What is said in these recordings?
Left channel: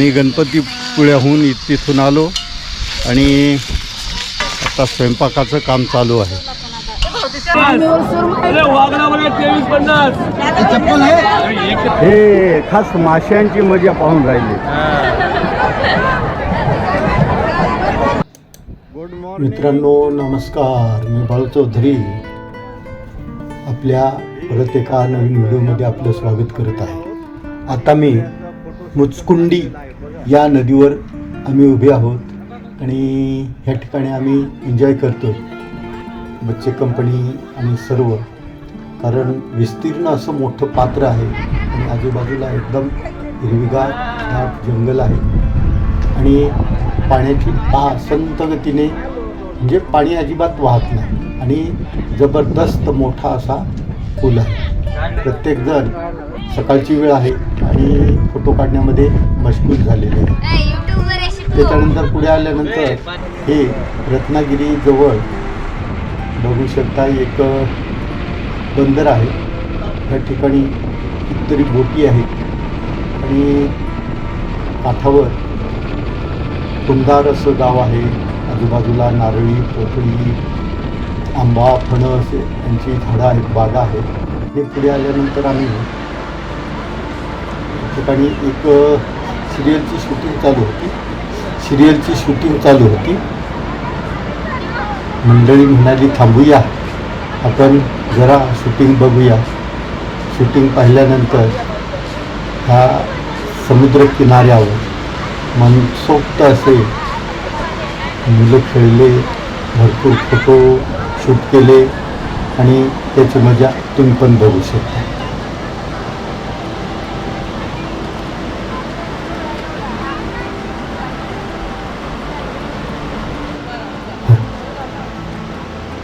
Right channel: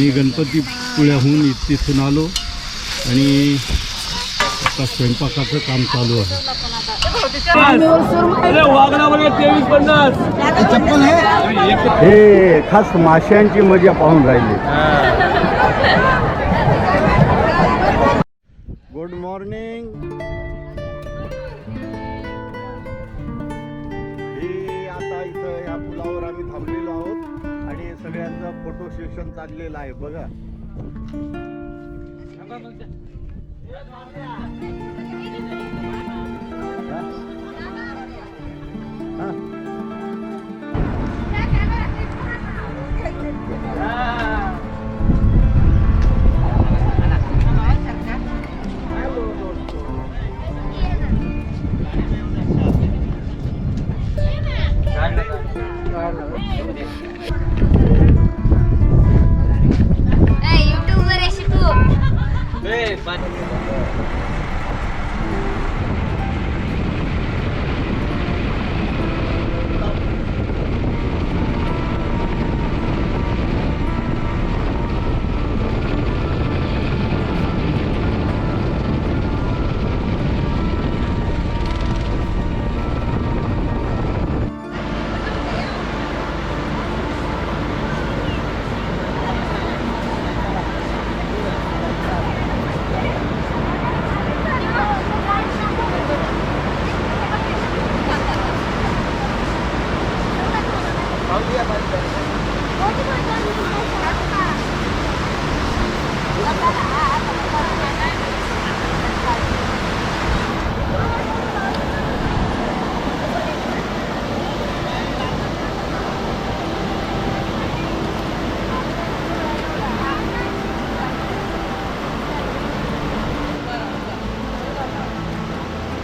आम्ही गणपतीपुळ्याहून तिथून आलो आणि आता स्वयंपाकाचं काम चालू आहे. हे खास माशांची मजा पाहून राहिली. गुड मॉर्निंग मित्रांनो नमस्कार. मी बाळू चौधरी. आपल्या परत एका नवीन व्हिडिओमध्ये आपलं स्वागत करत आहे. आता मी मुचकुंडी या नदीवर आम्ही उभे आहोत आणि ह्या ठिकाणी आम्ही एन्जॉय करतो बच्चे कंपनी आणि सर्व. कारण विस्तीर्ण असं मोठं पात्र आहे. आजूबाजूला एकदम हिरवीगार जंगल आहे. आणि पाण्याची पा संत गतीने म्हणजे पाणी अजिबात वाहत नाही. आणि जबरदस्त मोठा असा पूल आहे. प्रत्येकजण सकाळची वेळ आहे. आणि फोटो काढण्यामध्ये मशगूल झालेले आहे त्याच्यानंतर पुढे आल्यानंतर हे रत्नागिरी जवळ बघू शकता एक बंदर आहे. या ठिकाणी कितीतरी बोटी आहेत. आणि काठावर कुंदार असं गाव आहे. आजूबाजूला नारळी कोथिंबीर आंबा फणस यांची झाडं आहेत बागा आहेत. हे पुढे आल्यानंतर आम्ही ठिकाणी एक सिरियलची शूटिंग चालू. होती सिरियलची शूटिंग चालू होती. मंडळी म्हणाली थांबूया. आपण जरा शूटिंग बघूया. शूटिंग पाहिल्यानंतर हा समुद्र किनाऱ्यावर मनसोक्त असे मुलं खेळले भरपूर फोटो शूट केले आणि त्याची मजा तुम्ही पण बघू शकता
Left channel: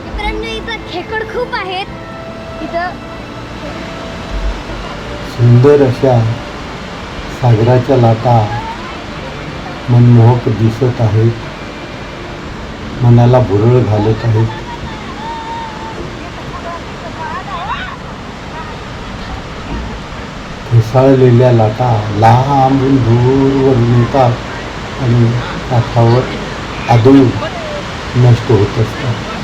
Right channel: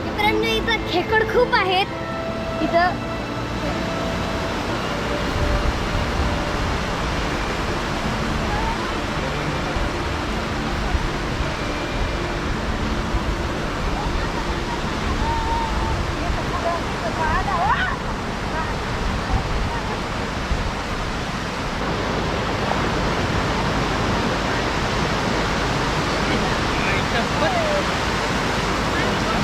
मित्रांनो इथं खेकड खूप आहेत इथं सुंदर अशा सागराच्या लाटा मनमोहक दिसत आहेत. मनाला भुरळ घालत आहेत. घुसाळलेल्या लाटा लहान दूरवर मिळतात. आणि काठावर आदळून नष्ट होत असतात.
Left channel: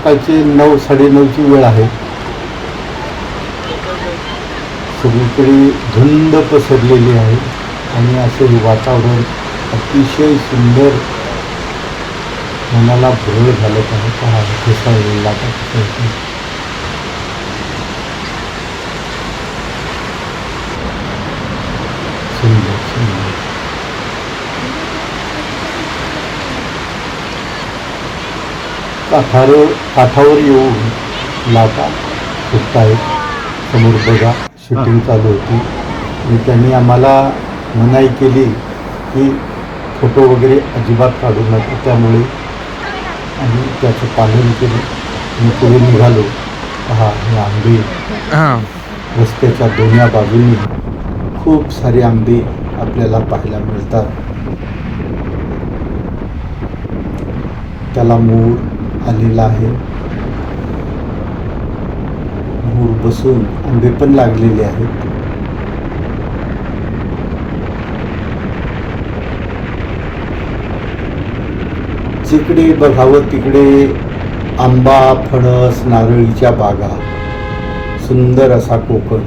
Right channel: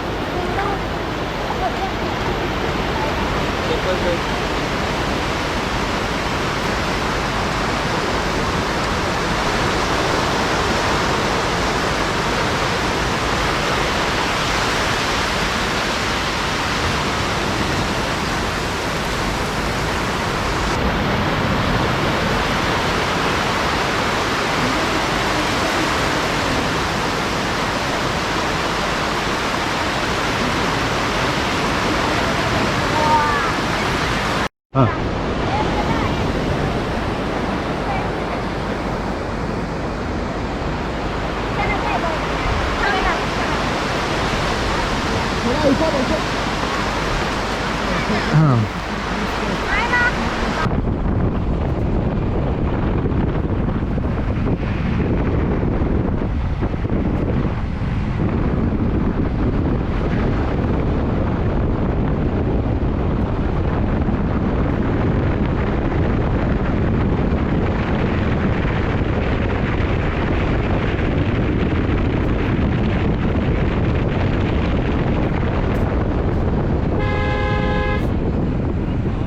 सकाळची नऊ साडेनऊची वेळ आहे. सगळीकडे झुंड पसरलेली आहे. आणि असे वातावरण अतिशय सुंदर. मनाला भोर झालं. आहे हा घुसाळलेला सुंदर सुंदर काठावर काठावर येऊन लावता आहेत समोर बघा शूटिंग चालू होती. आणि त्यांनी आम्हाला मनाई केली की फोटो वगैरे अजिबात काढू नये त्यामुळे त्याचं केलं आणि पुढे निघालो. हे आंबे. रस्त्याच्या दोन्ही बाजूने खूप सारे आंबे आपल्याला पाहायला मिळतात. त्याला मूळ आलेला आहे. मूळ बसून आंबे पण लागलेले आहेत. जिकडे बघावं तिकडे आंबा फणस नारळीच्या बागा. सुंदर असा कोकण.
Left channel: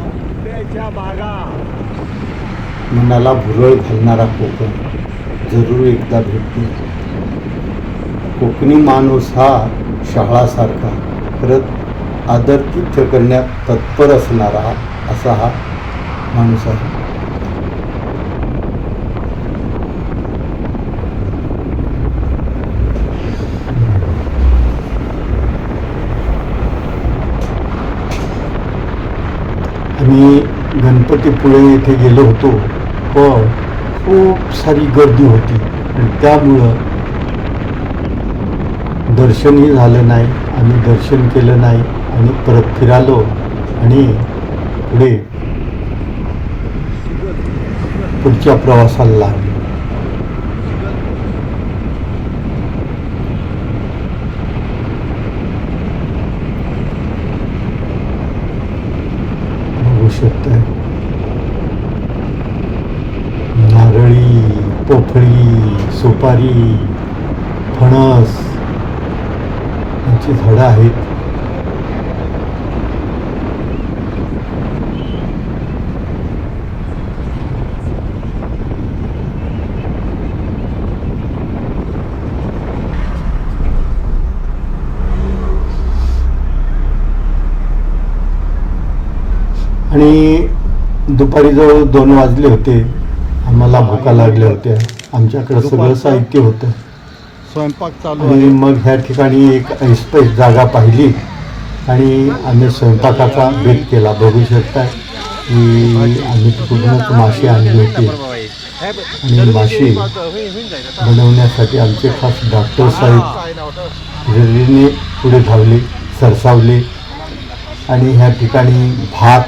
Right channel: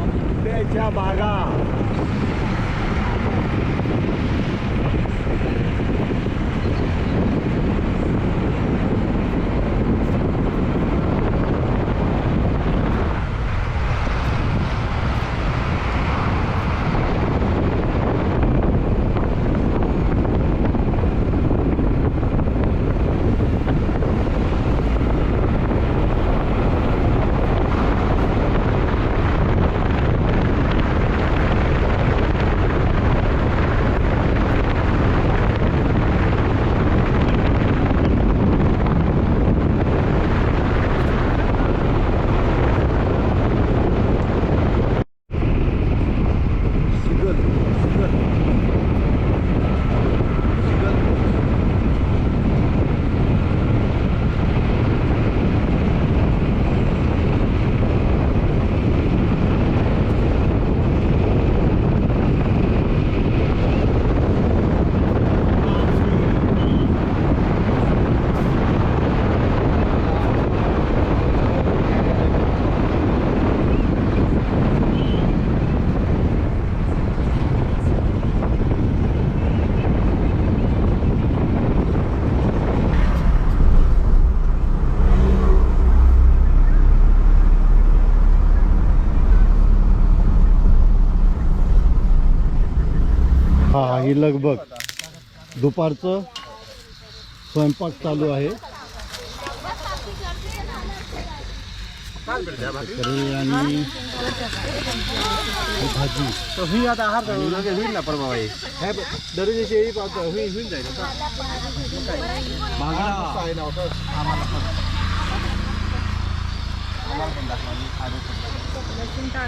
मनाला भुरळ घालणारा कोकण. जरूर एकदा भेटतो कोकणी माणूस हा शाळासारखा परत आदर तुच्छ करण्यात तत्पर असणारा असा हा माणूस आहे आम्ही गणपतीपुळे येथे गेलो होतो पण खूप सारी गर्दी होती त्यामुळं दर्शनही झालं नाही आणि दर्शन केलं नाही आणि परत फिरालो आणि पुढे पुढच्या प्रवासाला लागलो. जवळ दोन वाजले होते. आम्हाला भुका लागल्या. होत्या. आमच्याकडे सगळं? साहित्य होतं. स्वयंपाक चालू आणि मग ह्या ठिकाणी एक ऐसपैस जागा पाहिली. आणि आम्ही स्वयंपाकाचा बेत केला. बघू शकता की आम्ही पूर्णच मासे आणली होती. आणि मासे बनवण्यासाठी आमचे खास डॉक्टर साहेब रेल्वेने पुढे धावले सरसावले. आणि ह्या ठिकाणी भात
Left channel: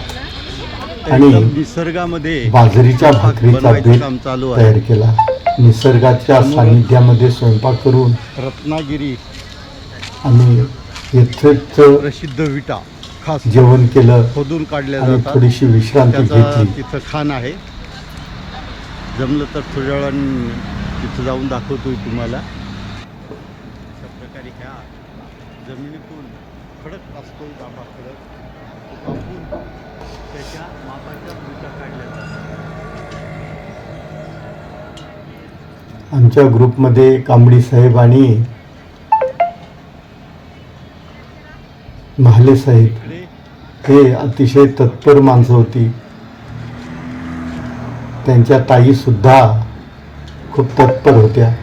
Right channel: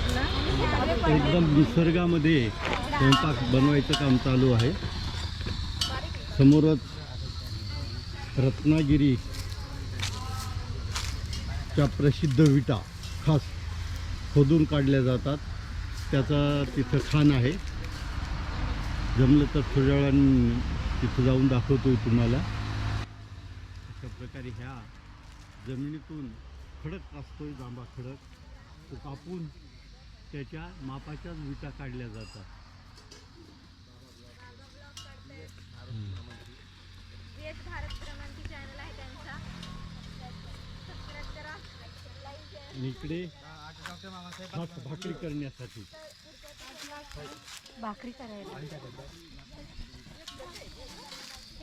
एकदम निसर्गामध्ये बाजरीच्या भाकरीचा बेत काम चालू तयार आहे केला. निसर्गाच्या सानिध्यामध्ये स्वयंपाक करून रत्नागिरी आम्ही येथेच प्रसिद्ध विटा खास जेवण केलं खोदून काढल्या आणि जातात. थोडीशी विश्रांती घेतली. तिथं खाण आहे. जमलं तर थोड्या वेळानं तिथं जाऊन दाखवतो तुम्हाला. अशा प्रकारे ह्या जमिनीतून खडक असतो जांभा खडक. तो कापून त्याच्या मापाच्या विटा काढल्या जातात. आमच्या ग्रुपमध्ये कांबडी साहेब आणि महाले साहेब हे अतिशय तत्पर माणसं होती. त्यांच्या ताई सुद्धा खूप तत्पर होत्या.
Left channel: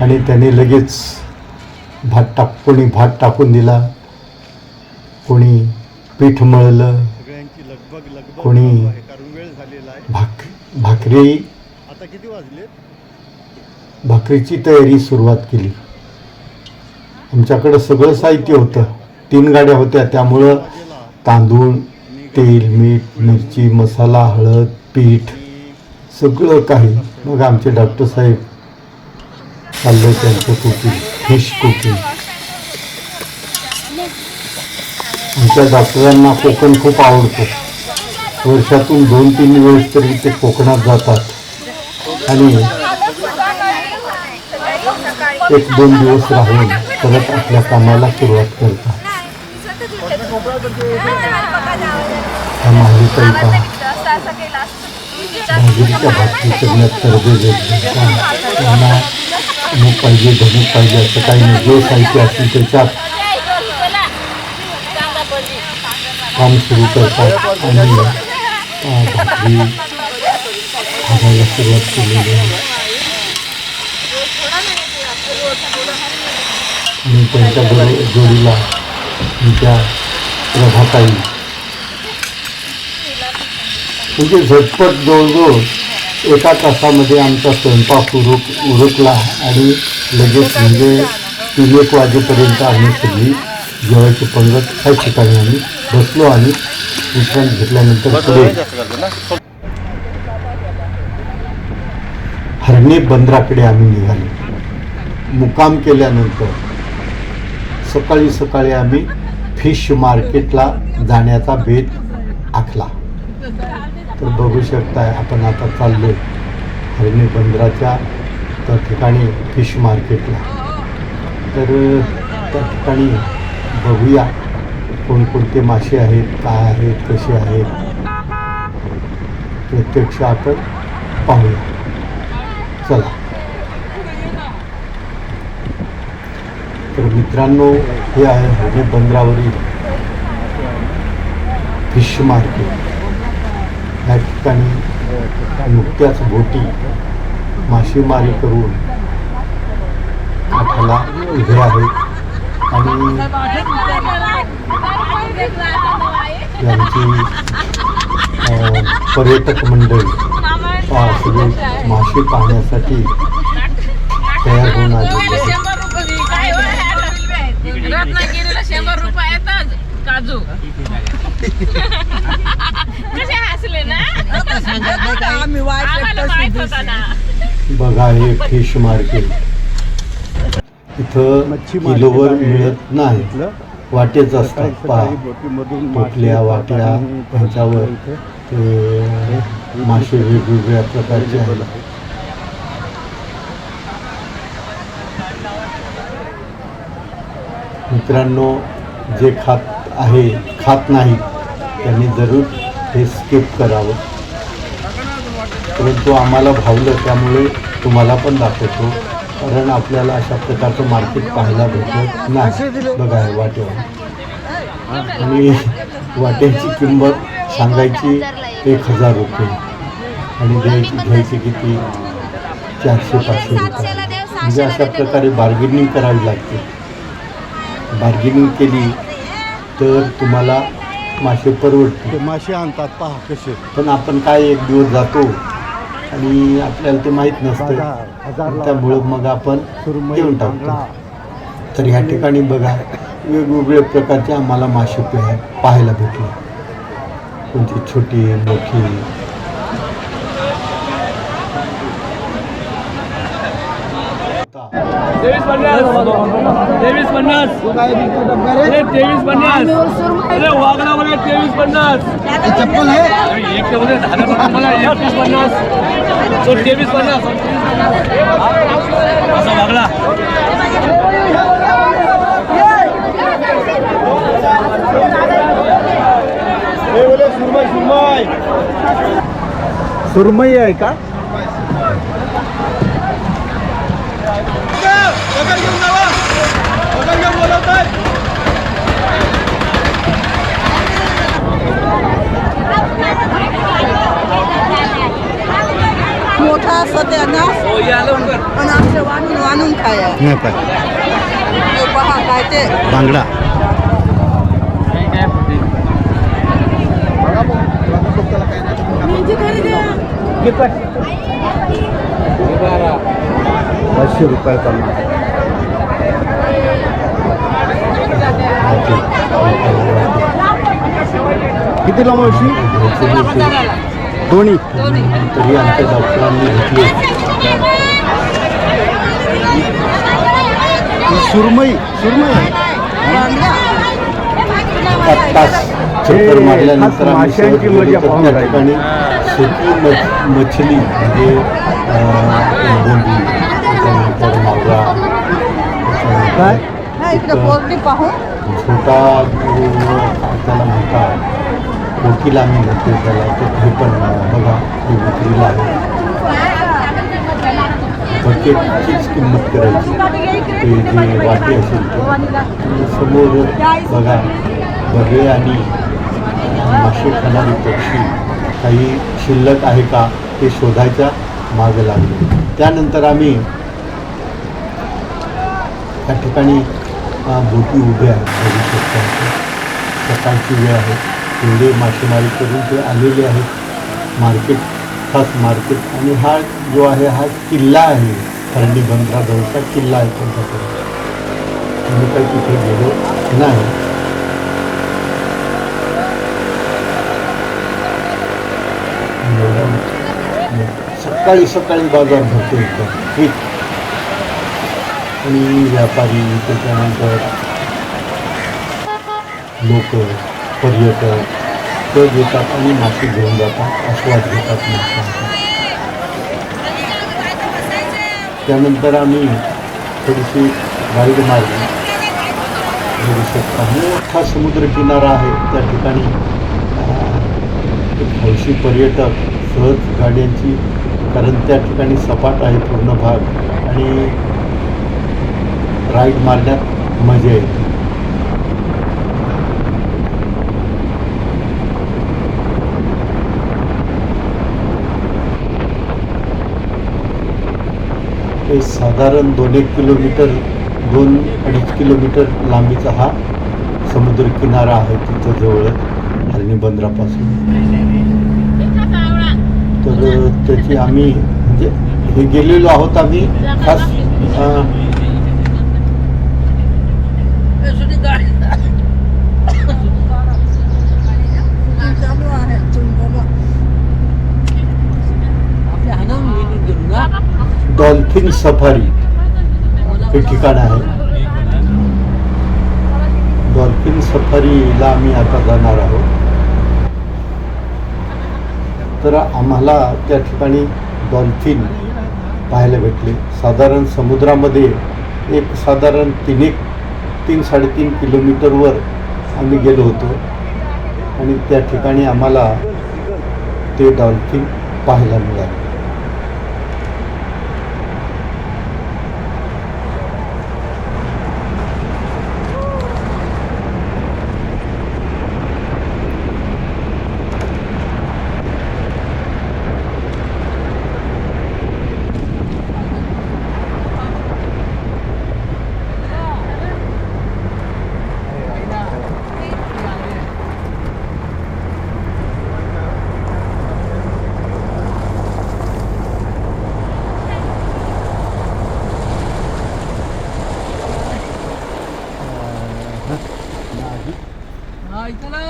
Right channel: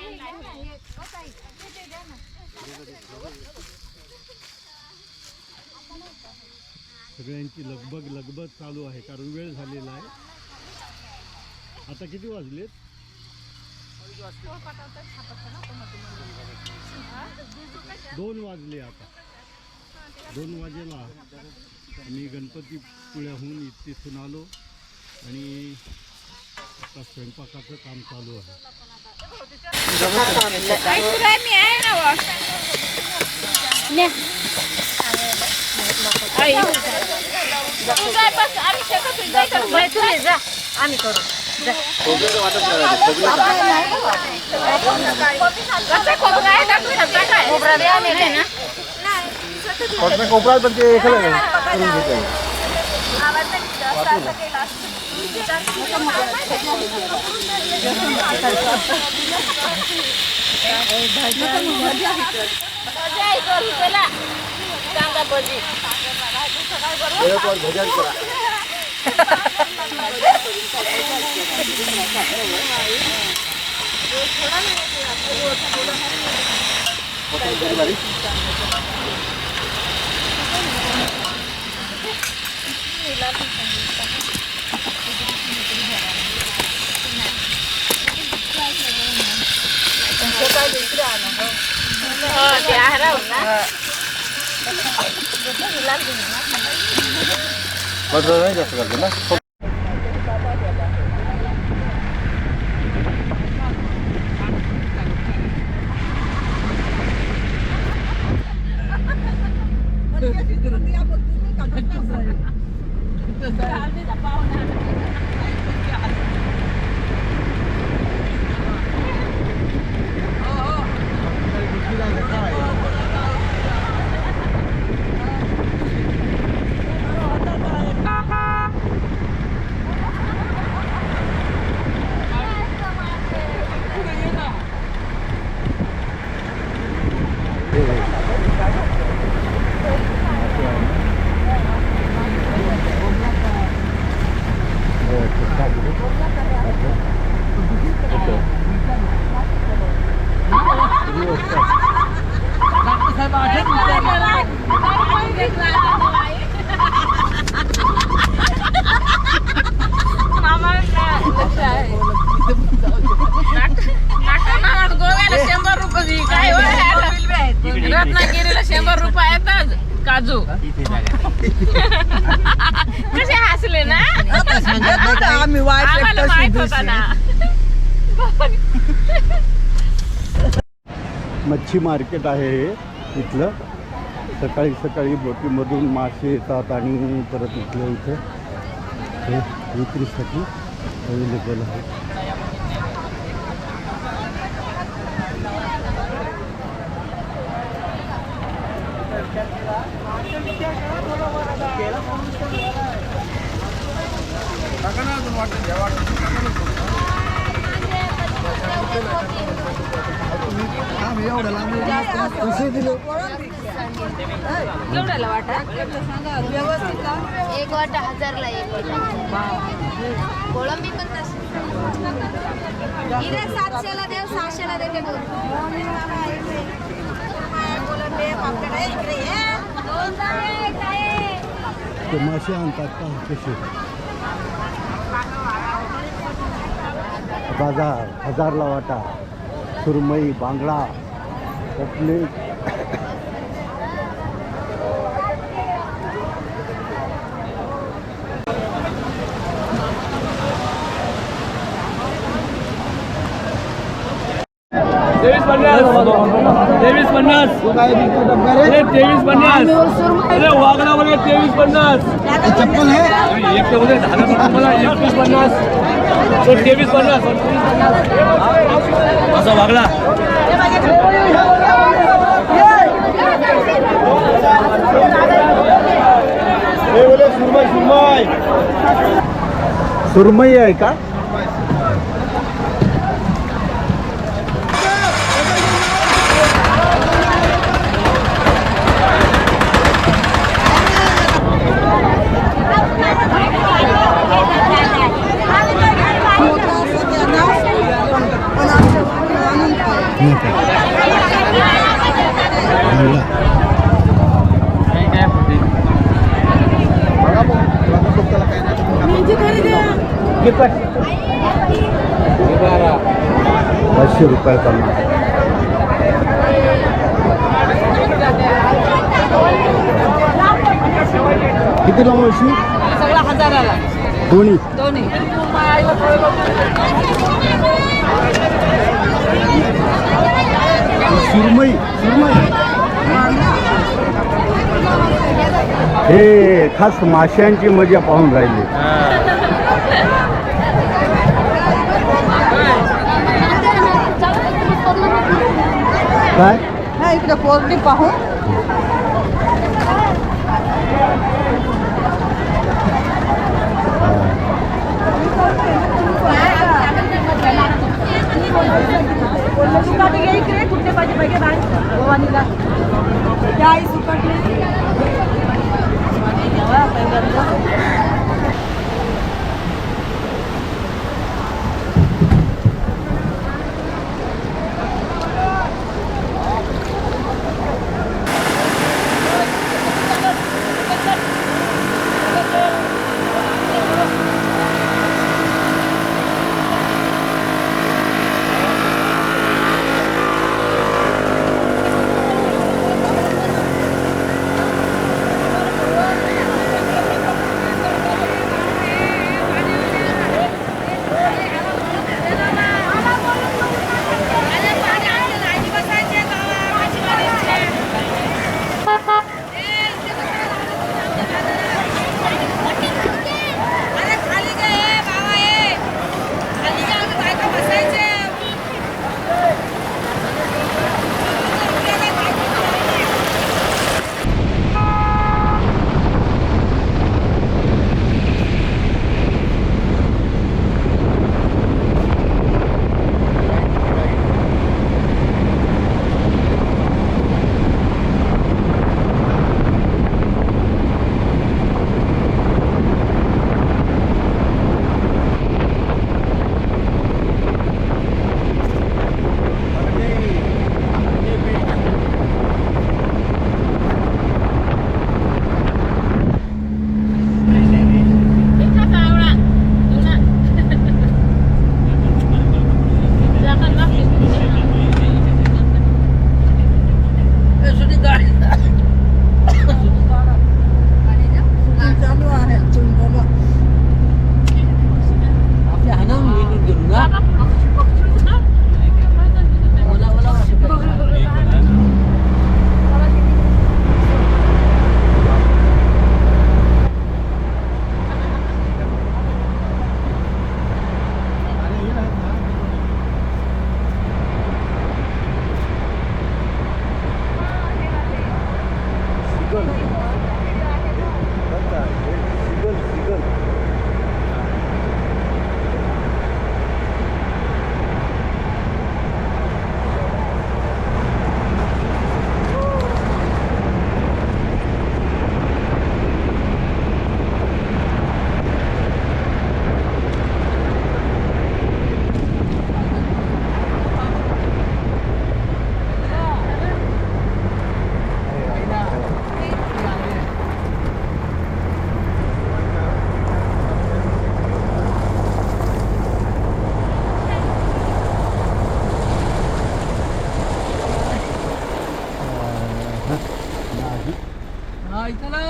आणि त्याने लगेच भात टाक कोणी भात टाकून दिला. कोणी पीठ मळलं. कोणी- भाक भाकरी आता किती वाजले? भाकरीची तयारी सुरुवात केली. आमच्याकडं सगळं साहित्य होतं. तीन गाड्या होत्या त्यामुळं तांदूळ तेल मीठ मिरची मसाला हळद पीठ सगळं काही. मग आमचे डॉक्टर साहेब चाललं त्यांचं कुकिंग फिश कुकिंग आमच्या डॉक्टरांना कोकण खूप आवडतं. वर्षातून दोन तीन वेळेस तरी ते कोकणात जातात. आणि एक दोन दिवस राहून परत आपल्या कामाला सुरुवात करतात. पाहिजे धनुक पाहिजे असं काही नाही. जो साहित्य असेल त्याच्यात काम सुरू करतात आणि त्यांच्या जोडी जोडीला त्यांच्या प्रभाताई म्हणजे झटपट जवळजवळ एका तासामध्ये आमचा स्वयंपाक उरक उरकला आणि लगेच म्हणजे तीन एक वाजेपर्यंत आम्ही सगळी जेवायची पंगत काही ठिकाणी आम्ही बसलो आणि विश्रांत घेतल्यानंतर हरणे बंदराकडे आम्ही निघालो. मुक्काम केल्यानंतर सकाळी सकाळी आम्ही फिश मार्केटला जाण्याचा बेत आखला. तर बघू शकताय आपण आता चाललो हरणे बंदराच्या त्या ठिकाणी फिश मार्केटला. तर त्या ठिकाणी बघूया. कोणकोणते मासे आहेत काय आहेत कसे आहेत प्रत्यक्ष आपण पाहूया. चला. तर मित्रांनो हे आहे हरणे बंदरावरील फिश मार्केट. या ठिकाणी नुकत्याच बोटी मासेमारी करून आपल्याला उभे पर्यटक मंडळी मासे पाहण्यासाठी रत्नागिरीला शंभर रुपये येतात काजू कसे हसले ना? ना. बघा हे फिश मार्केट इथं मच्छी मार्केट आहे नाही इथलं वाटेच सकाळी सकाळी. बोटीमधून मासे येतात आणि परत त्याच्यावर इथे मासे वेगवेगळ्या प्रकारचे आहेत. आहे. मित्रांनो जे खात आहे खात नाही त्यांनी जरूर हे स्किप करावं परंतु आम्हाला भावलं त्यामुळे तुम्हाला पण दाखवतो कारण आपल्याला अशा प्रकारचं मार्केट पाहायला भेटलं नाही. बघा वाटेवर. आणि वाट्याची किंमत सांगायची एक. हजार रुपये. आणि घ्यायची किती? चारशे पाचशे म्हणजे अशा देते प्रकारे बार्गेनिंग करावी लागते. बार्गेनिंग केली तर तुम्हाला मासे परवडते ते मासे आणतात पहा कसे. पण आपण काय एक दिवस जातो आणि आपल्याला ते माहीत बाजार हजारला त्यामुळं वाटा. मग आपण सुरमई देऊन टाकतो. बांगडा तर ह्या ठिकाणी बघा वेगवेगळ्या प्रकारचे आम्हाला मासे पाहायला भेटले कोणती छोटी मोठी तेवीस पन्नास. तेवीस पन्नास. अरे तेवीस पन्नास. अरे वागला बोले तेवीस पन्नास. अरे एक नंबर मला एकवीस पन्नास. तो तेवीस पन्नास. असा वागला सुरमई आहे का मोठा सत्यानाश पण आमच्या वाणून वाणून खाया नाही का बांगडा तुमची घरी द्या पाचशे रुपये पन्नास सगळा हजाराला दोन्ही. सुरमई. हे खास माशांची मजा पाहून राहिली. मछली काय? हा इकडे पोरली पाहून काही शिल्लक आहे का? ते शोधायच्या मागे लागलो. त्यानंतर आम्ही त्या ठिकाणी झोपी उभे आहे. सकाळची वेळ आहे. एवढे मासेमारीकडून जे आलेले आहेत मार्केट खास मार्केट आणि हा जो आहे हा किल्ला आहे. हल्ली गणपतीचा किल्ला आहे. तिथे जवळ किल्ला आहे सकाळी सकाळी बाजार भरपूर इथं. व्यापारी त्याच्यानंतर लोक पर्यटक ते येतात आणि मासे घेऊन जातात आस्वाद घेतात त्यानंतर आम्ही थोडीशी गाडी मारली हा समुद्र किनारा आहे त्या ठिकाणी थोडीशी पर्यटक सहज गाड्याची कारण त्या ठिकाणी सपाट आहे पूर्ण भाग आणि राईड मारण्यात मजा येते ते साधारण दोन एक किलोमीटर दोन अडीच किलोमीटर लांबीचा हा समुद्र किनारा आहे तिथं जवळ हरणी बंदरापासून तर त्याची आम्ही जे- हे गेलेलो आहोत आम्ही खास अं, चालू आहे तुम्ही बोला आपल्या ना डॉल्फिन सफारी हे ठिकाण आहे. डॉल्फिन सफारीला आम्ही आता जाणार आहोत. तर आम्हाला त्या ठिकाणी डॉल्फिन पाहायला भेटले. साधारण समुद्रामध्ये एक साधारण तीन एक तीन साडेतीन किलोमीटरवर आम्ही गेलो होतो. आणि त्या ठिकाणी आम्हाला ते डॉल्फिन पाहायला मिळाले हा इथं ना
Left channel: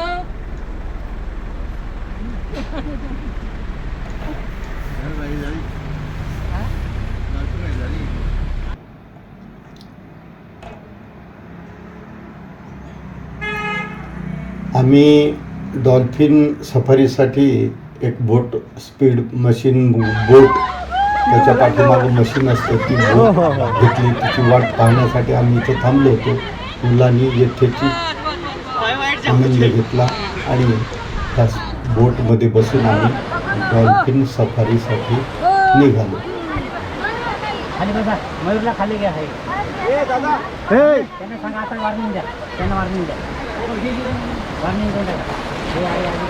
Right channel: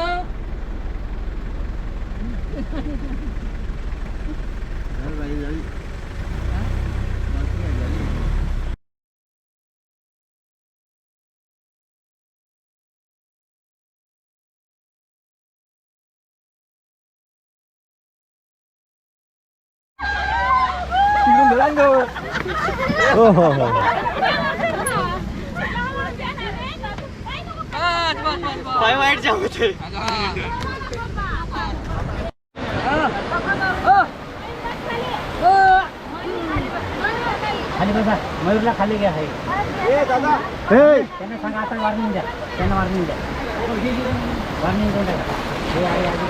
आम्ही डॉल्फिन सफारीसाठी एक बोट स्पीड मशीन बोट त्याच्या पाठीमागे मशीन असते. ती बोट घेतली. तिची वाट पाहण्यासाठी आम्ही इथे थांबलो होतो. मुलांनी येथेची आनंद घेतला आणि त्या बोटमध्ये बसून आम्ही डॉल्फिन सफारीसाठी निघालो. खाली बसा. मयूरला खाली घ्या आहे त्यांना सांगा आता वॉर्निंग द्या. त्यांना वॉर्निंग द्या. वॉर्निंग देऊन टाका हे आहे आधी.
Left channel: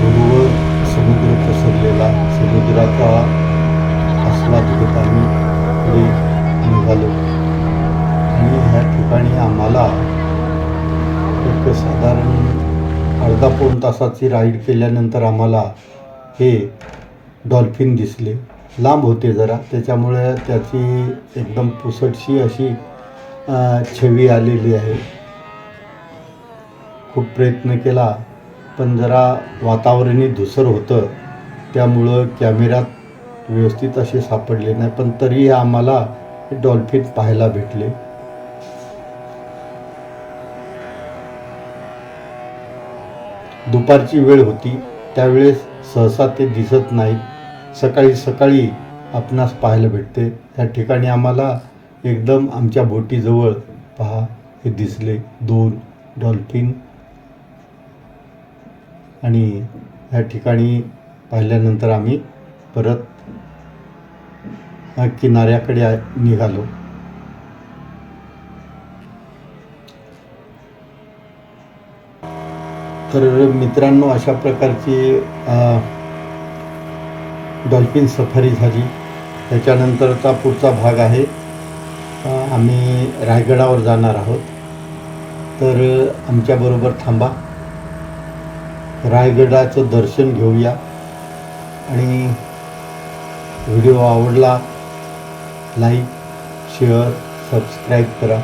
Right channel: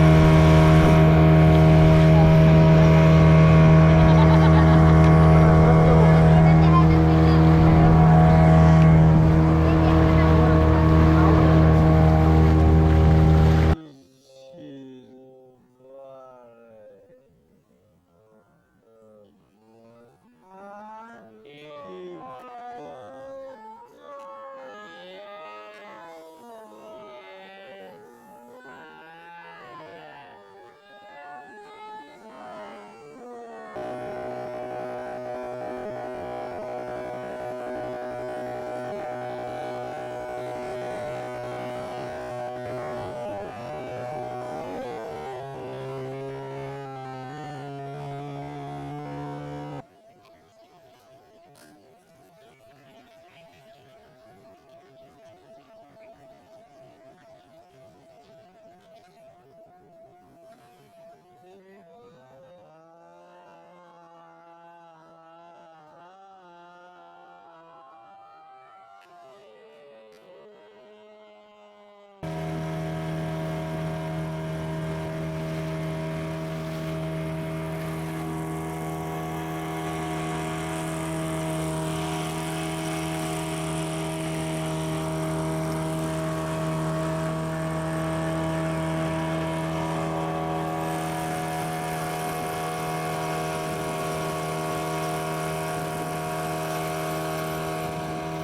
पूर्व समुद्र पसरलेला समुद्राचा आस्वाद घेत आम्ही निघालो आणि ह्या ठिकाणी आम्हाला एक साधारण अर्धा पाऊण तासाची राईड केल्यानंतर आम्हाला हे डॉल्फिन दिसले. लांब होते जरा. त्याच्यामुळे त्याची एकदम पुसटशी अशी छवी आलेली आहे. खूप प्रयत्न केला पण जरा वातावरणही धुसर होतं. त्यामुळं कॅमेऱ्यात व्यवस्थित असे सापडले नाही. पण तरीही आम्हाला डॉल्फिन पाहायला भेटले. दुपारची वेळ होती त्यावेळेस सहसा ते दिसत नाहीत. सकाळी सकाळी आपणास पाहायला भेटते. त्या ठिकाणी आम्हाला एकदम आमच्या बोटीजवळ पहा हे दिसले दोन डॉल्फिन. आणि ह्या ठिकाणी पाहिल्यानंतर आम्ही परत किनाऱ्याकडे निघालो. तर मित्रांनो अशा प्रकारची डॉल्फिन सफारी झाली. त्याच्यानंतरचा पुढचा भाग आहे. आम्ही रायगडावर जाणार आहोत. तर आमच्याबरोबर थांबा. रायगडाचं दर्शन घेऊया. आणि व्हिडिओ आवडला लाईक शेअर सबस्क्राईब करा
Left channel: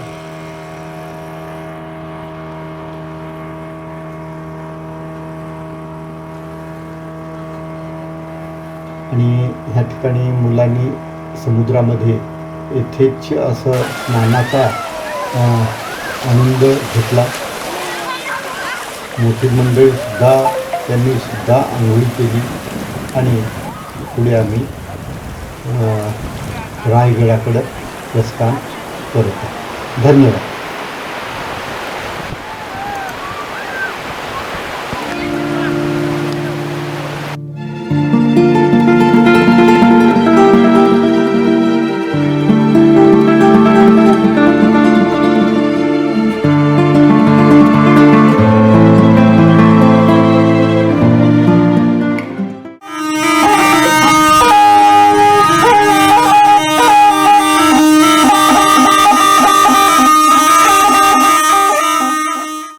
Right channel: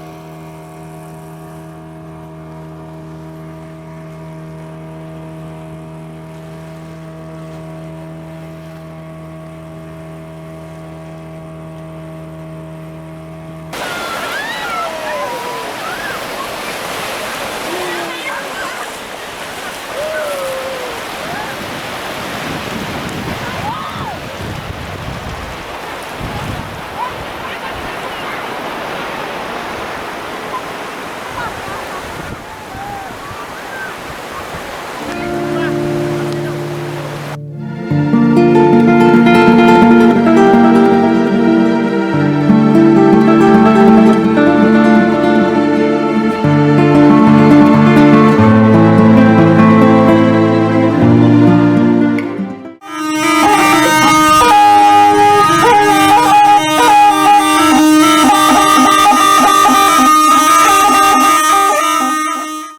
आणि ह्या ठिकाणी मुलांनी समुद्रामध्ये यथेच्छ असं स्नानाचा आनंद घेतला. मोठी मंडळी त्यांनी सुद्धा आंघोळ केली आणि पुढे आम्ही रायगडाकडं प्रस्थान करतो. धन्यवाद.